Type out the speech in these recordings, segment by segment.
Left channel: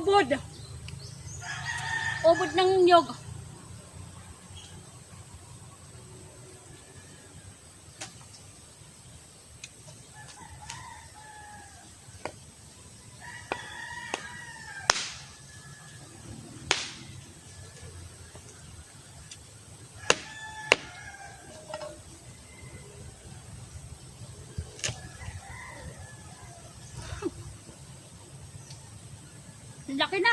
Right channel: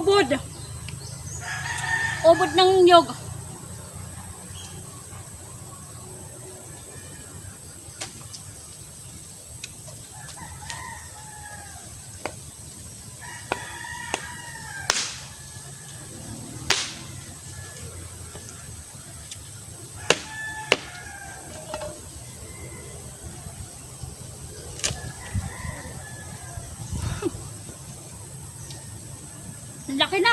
Ubod. Ubod ng nyog. Laki na.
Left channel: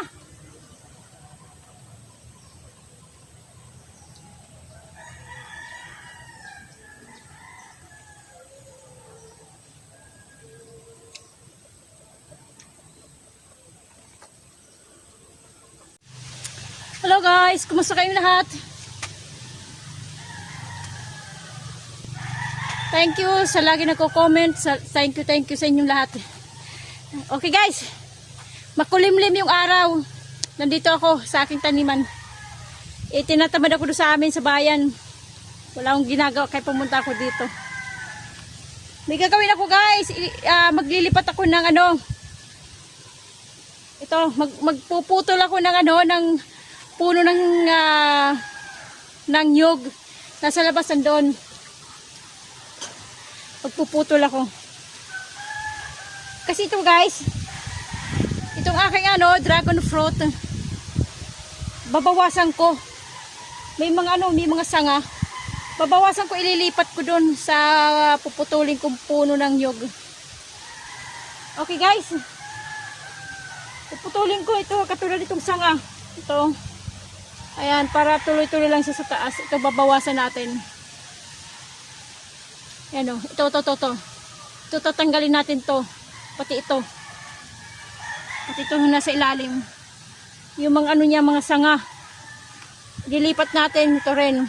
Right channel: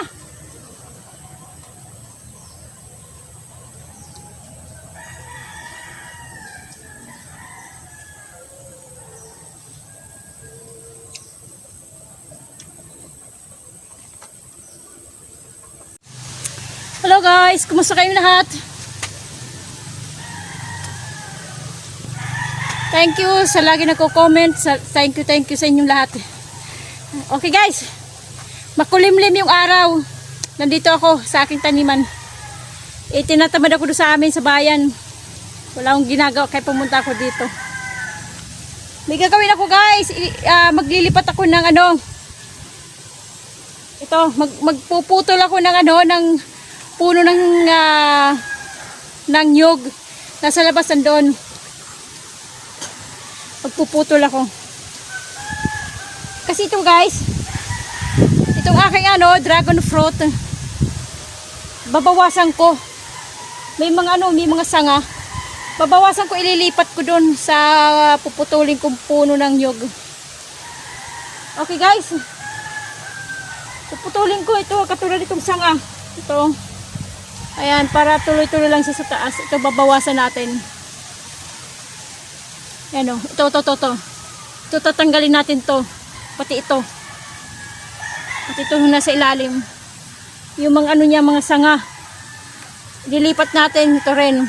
Hello guys, kumusta kayong lahat? Thank you sa lagi nagko-comment. Thank you sa inyong lahat. Okay guys, makulimlim yung araw. Nandito ako sa aking taniman. Tinatamad ako doon sa amin sa bayan. Wala akong ginagawa kaya pumunta ako dito. May gagawin ako guys. Maglilipat ako ng ito, magpuputol ako ng ng puno ng nyug. Nasa labas nandoon. Magpuputol ako. Kasi ito guys, itong aking dragon fruit, babawasan ko. May mga sanga. Babawasan ko, ililipat ko doon sa puputulin kong puno ng nyug. Okay guys. Puputulin ko ito katulad itong sanga. Ito. Ayan, para tuloy-tuloy lang siya sa taas. Ito babawasan natin. Ayan o. Ito. Ito tatanggalin natin to. Pati ito. At ito nasa ilalim. Yung mga niya, mga sanga. Dilipat natin ito rin.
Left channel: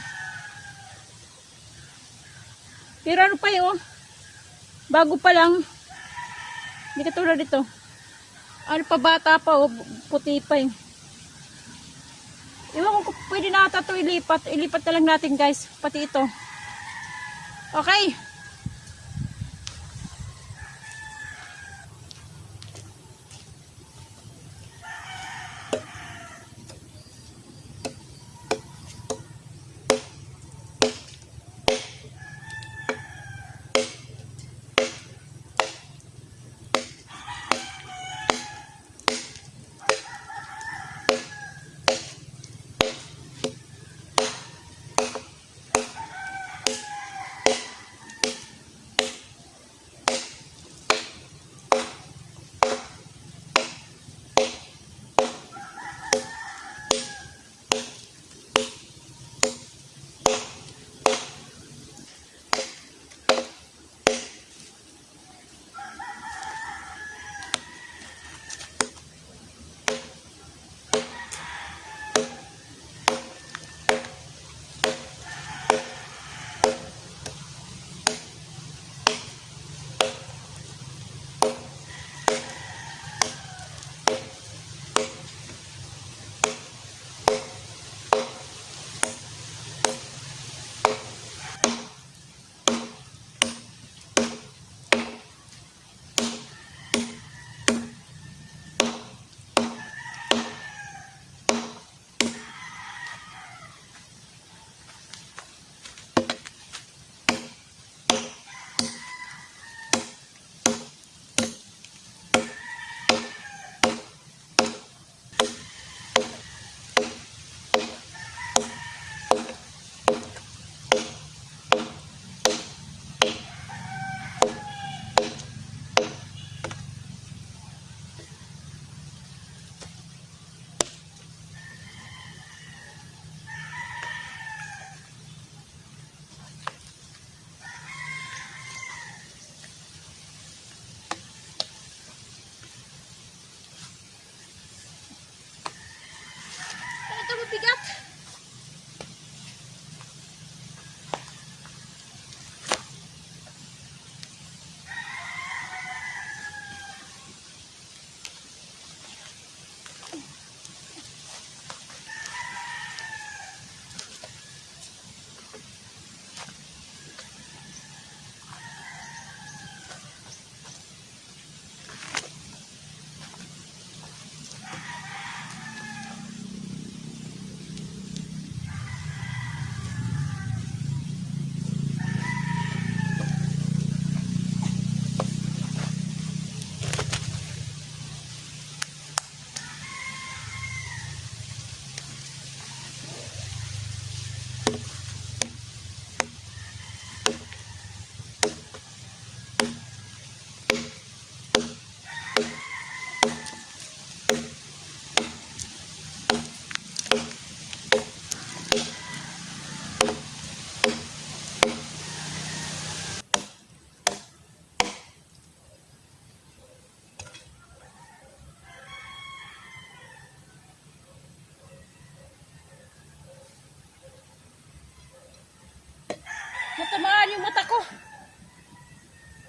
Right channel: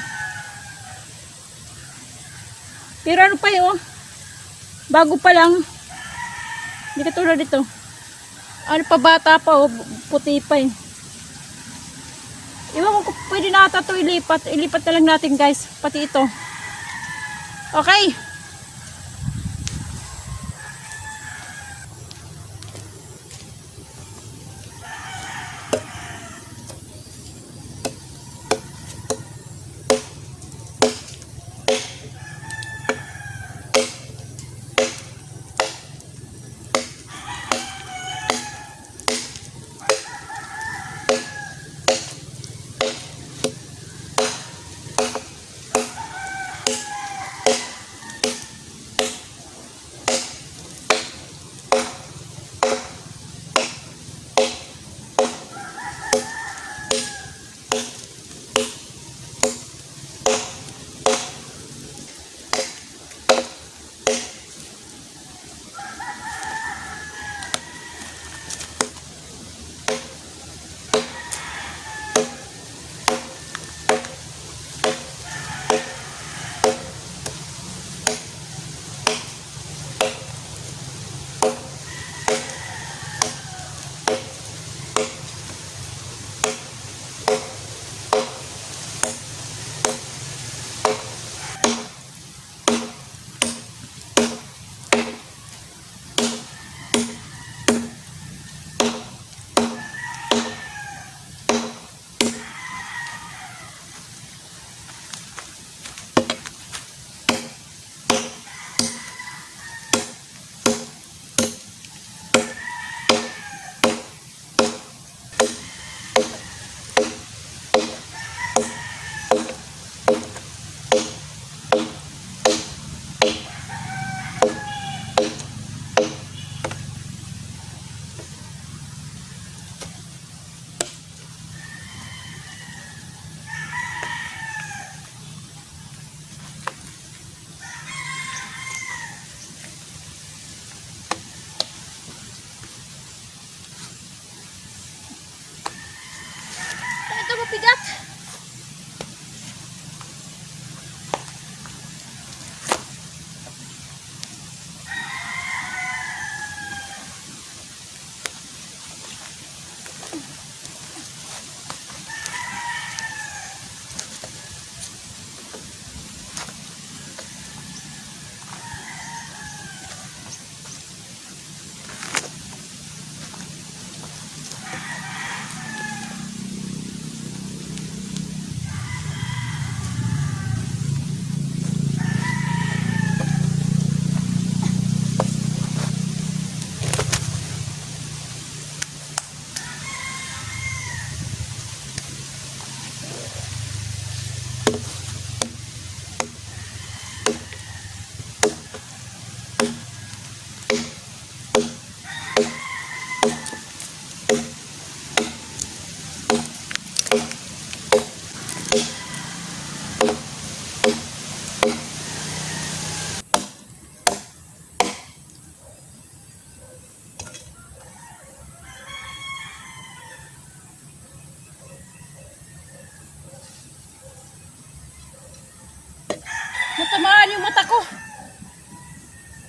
Pero pa yun, bago pa lang. Hindi katulad dito. Bata pa puti pa eh. Iwan ko pwede na ito ilipat. Ilipat na lang natin guys. Pati ito. Okay.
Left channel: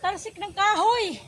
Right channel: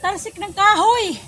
talsik ng kahoy.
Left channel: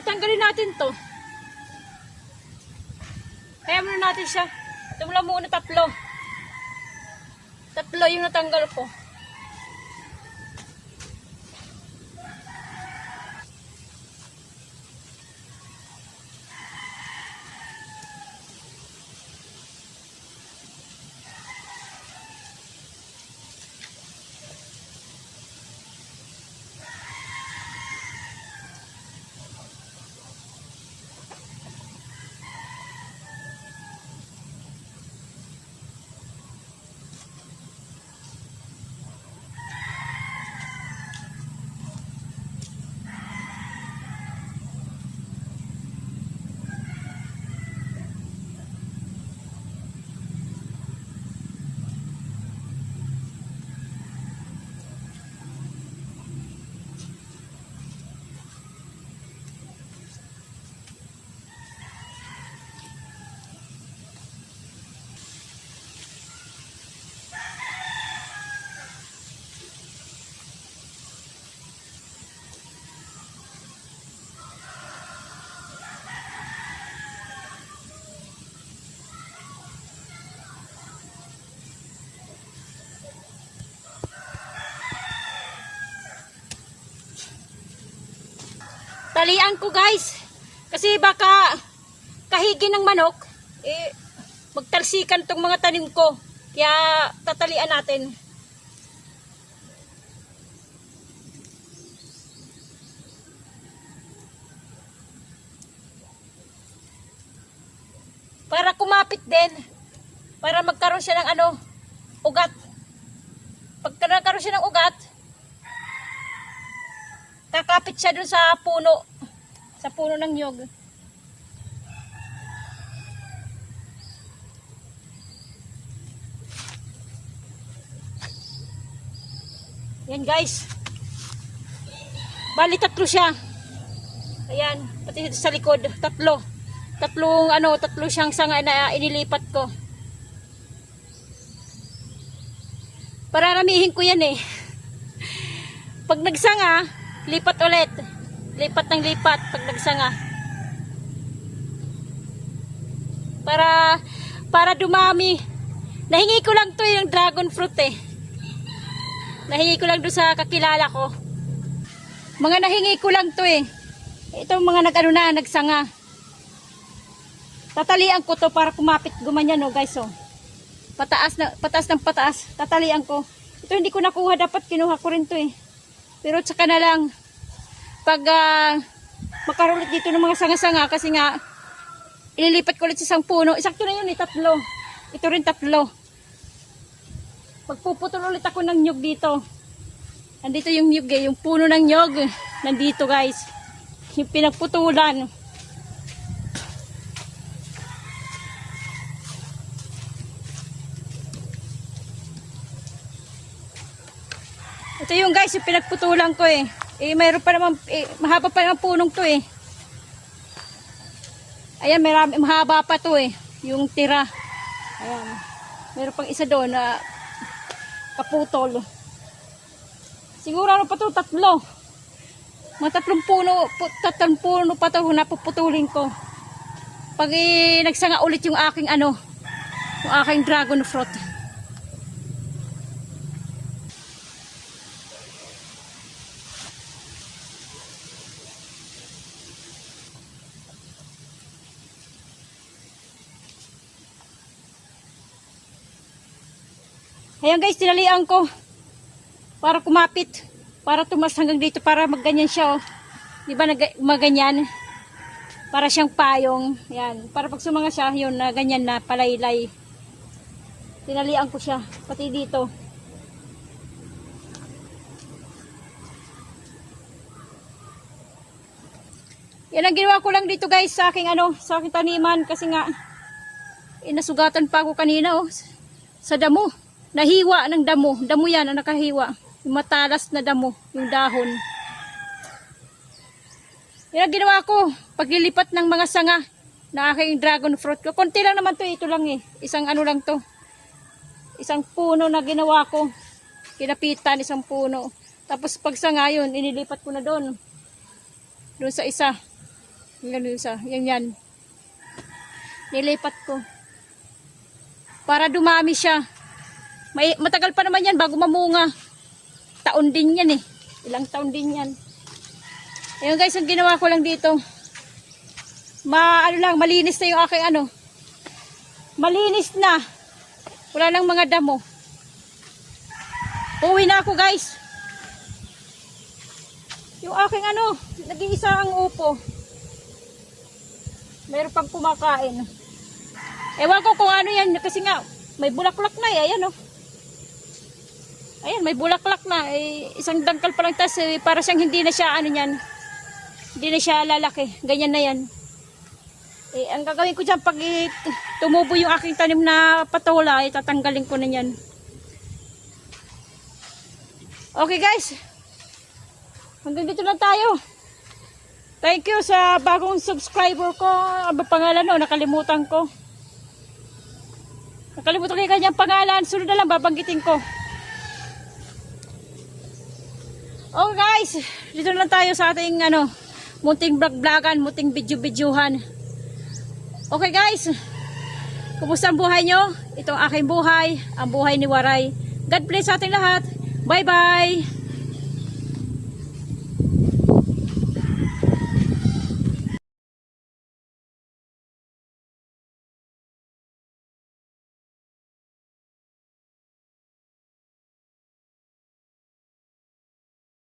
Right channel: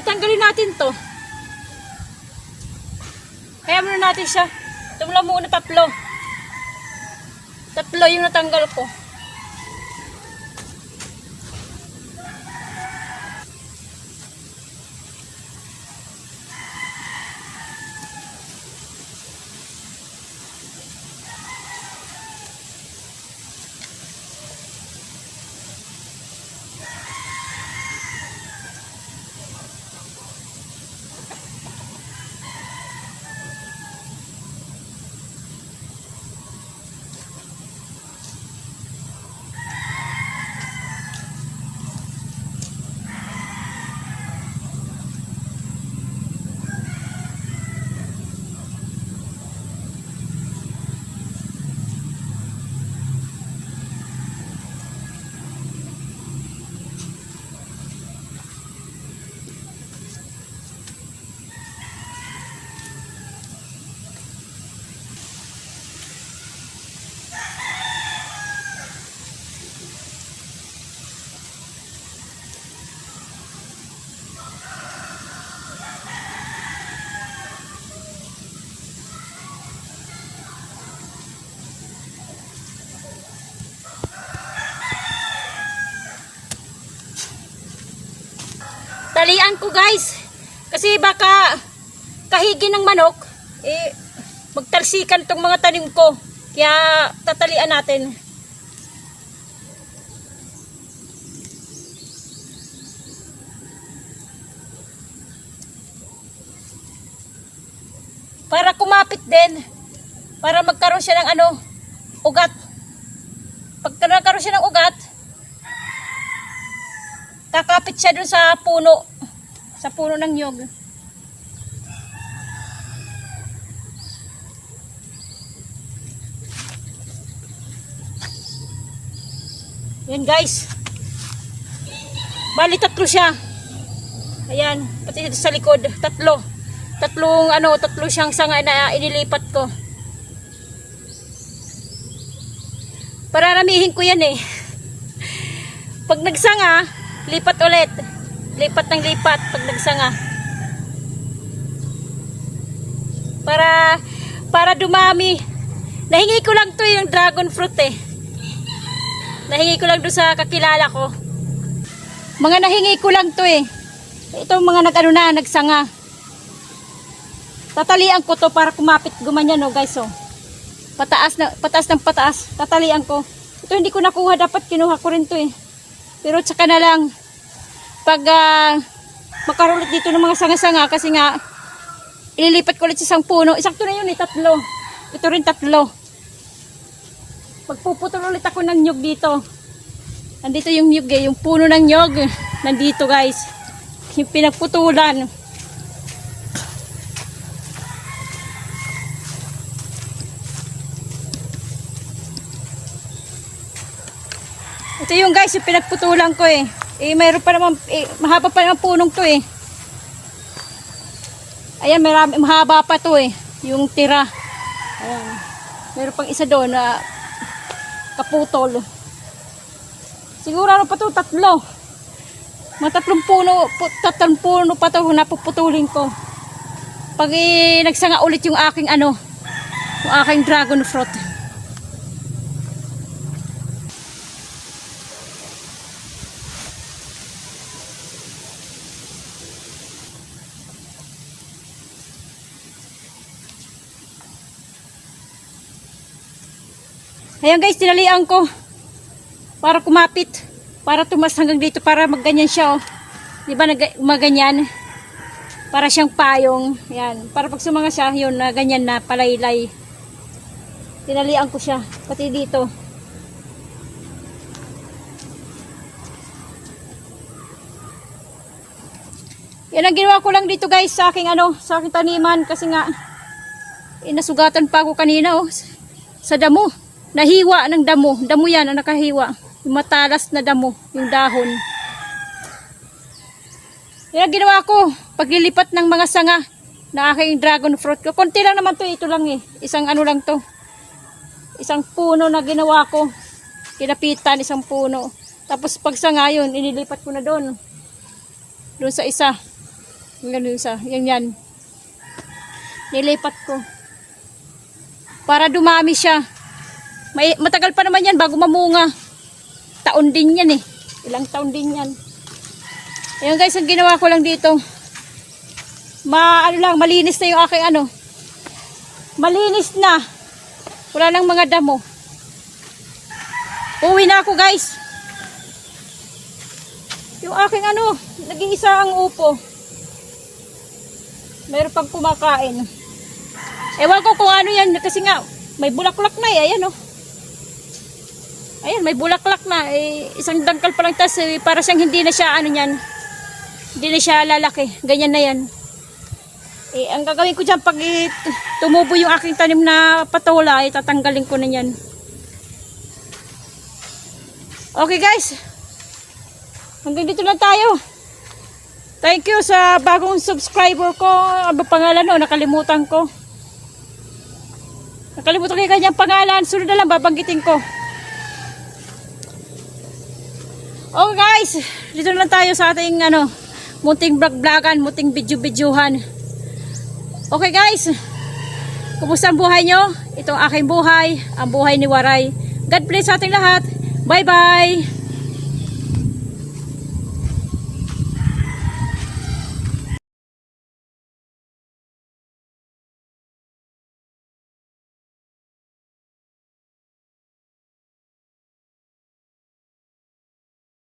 Tanggalin natin to. Kaya muna natin siya. Ito lang muna tatlo. Tatlo yung natanggal ko. Talian ko guys. Kasi baka kahigi ng manok, magtalsikan tong mga tanim ko. Kaya tatalian natin. Para kumapit din. Para magkaroon siya ng ugat. Pag nagkaroon siya ng ugat, kakapit siya dun sa puno. Sa puno ng nyog. Yan guys. Bali tatlo siya. Ayan, pati dito sa likod, tatlo. Tatlo siyang sanga na inilipat ko. Pararamihin ko yan eh. Pag nagsanga, lipat ulit. Lipat ng lipat pag nagsanga. Para dumami. Nahingi ko lang to yung dragon fruit eh. Nahingi ko lang doon sa kakilala ko. Mga nahingi ko lang to eh. Ito mga nagsanga. Tatalian ko to para kumapit gumanyan oh guys oh. Pataas ng pataas. Tatalian ko. Ito hindi ko nakuha, dapat kinuha ko rin to eh. Pero tsaka na lang pag makarulit dito ng mga sanga-sanga kasi nga ililipat ko ulit sa isang puno. Isakto na yun eh, tatlo. Ito rin tatlo. Magpuputol ulit ako ng nyug dito. Nandito yung nyug eh, yung puno ng nyug. Nandito guys. Yung pinagputulan. Ito yung guys, yung pinagputulan ko eh. Mayroon pa naman, mahaba pa naman punong to eh. Ayan, mahaba pa to eh. Yung tira. Ayan. Mayroon pang isa doon na kaputol. Siguro ano pa to, tatlo. Mga tatlong puno pa to napuputulin ko. Pag nagsanga ulit yung aking yung aking dragon fruit. Ayan guys, tinalian ko para kumapit, para tumas hanggang dito, para magganyan siya oh. Di ba maganyan? Para siyang payong. Ayan, para pag sumanga siya, yun na ganyan na palaylay. Tinalian ko siya, pati dito. Yan ang ginawa ko lang dito guys sa aking sa aking taniman kasi nga nasugatan pa ako kanina oh, sa damo. Nahiwa ng damo. Damo yan ang nakahiwa. Yung matalas na damo. Yung dahon. Yan ang ginawa ko. Paglilipat ng mga sanga na aking dragon fruit. Konti lang naman to. Ito lang eh. Isang lang to. Isang puno na ginawa ko. Kinapitan isang puno. Tapos pag sanga yun, inilipat ko na doon. Doon sa isa. Ganun sa, yan. Nilipat ko. Para dumami siya. Matagal pa naman yan bago mamunga. Taon din yan eh. Ilang taon din yan. Ayun guys, ang ginawa ko lang dito. Malinis na yung aking Malinis na. Wala nang mga damo. Uwi na ako guys. Yung aking nag-iisa ang upo. Meron pang kumakain. Ewan ko kung ano yan. Kasi nga, may bulaklak na eh. Ayan Ayan, may bulaklak na. Isang dangkal pa lang. Tas, para siyang hindi na siya hindi na siya lalaki. Ganyan na yan. Ang gagawin ko dyan, pag tumubo yung aking tanim na patola, tatanggalin ko na yan. Okay guys. Hanggang dito lang tayo. Thank you sa bagong subscriber ko. Ano pangalan nakalimutan ko. Nakalimutan ko yung kanyang pangalan. Sunod na lang babanggitin ko. Okay guys, dito na lang tayo sa ating munting vlog-vlogan, munting video-videohan. Okay guys, kumusta ang buhay nyo? Ito ang aking buhay, ang buhay ni Waray. God bless sa ating lahat. Bye-bye!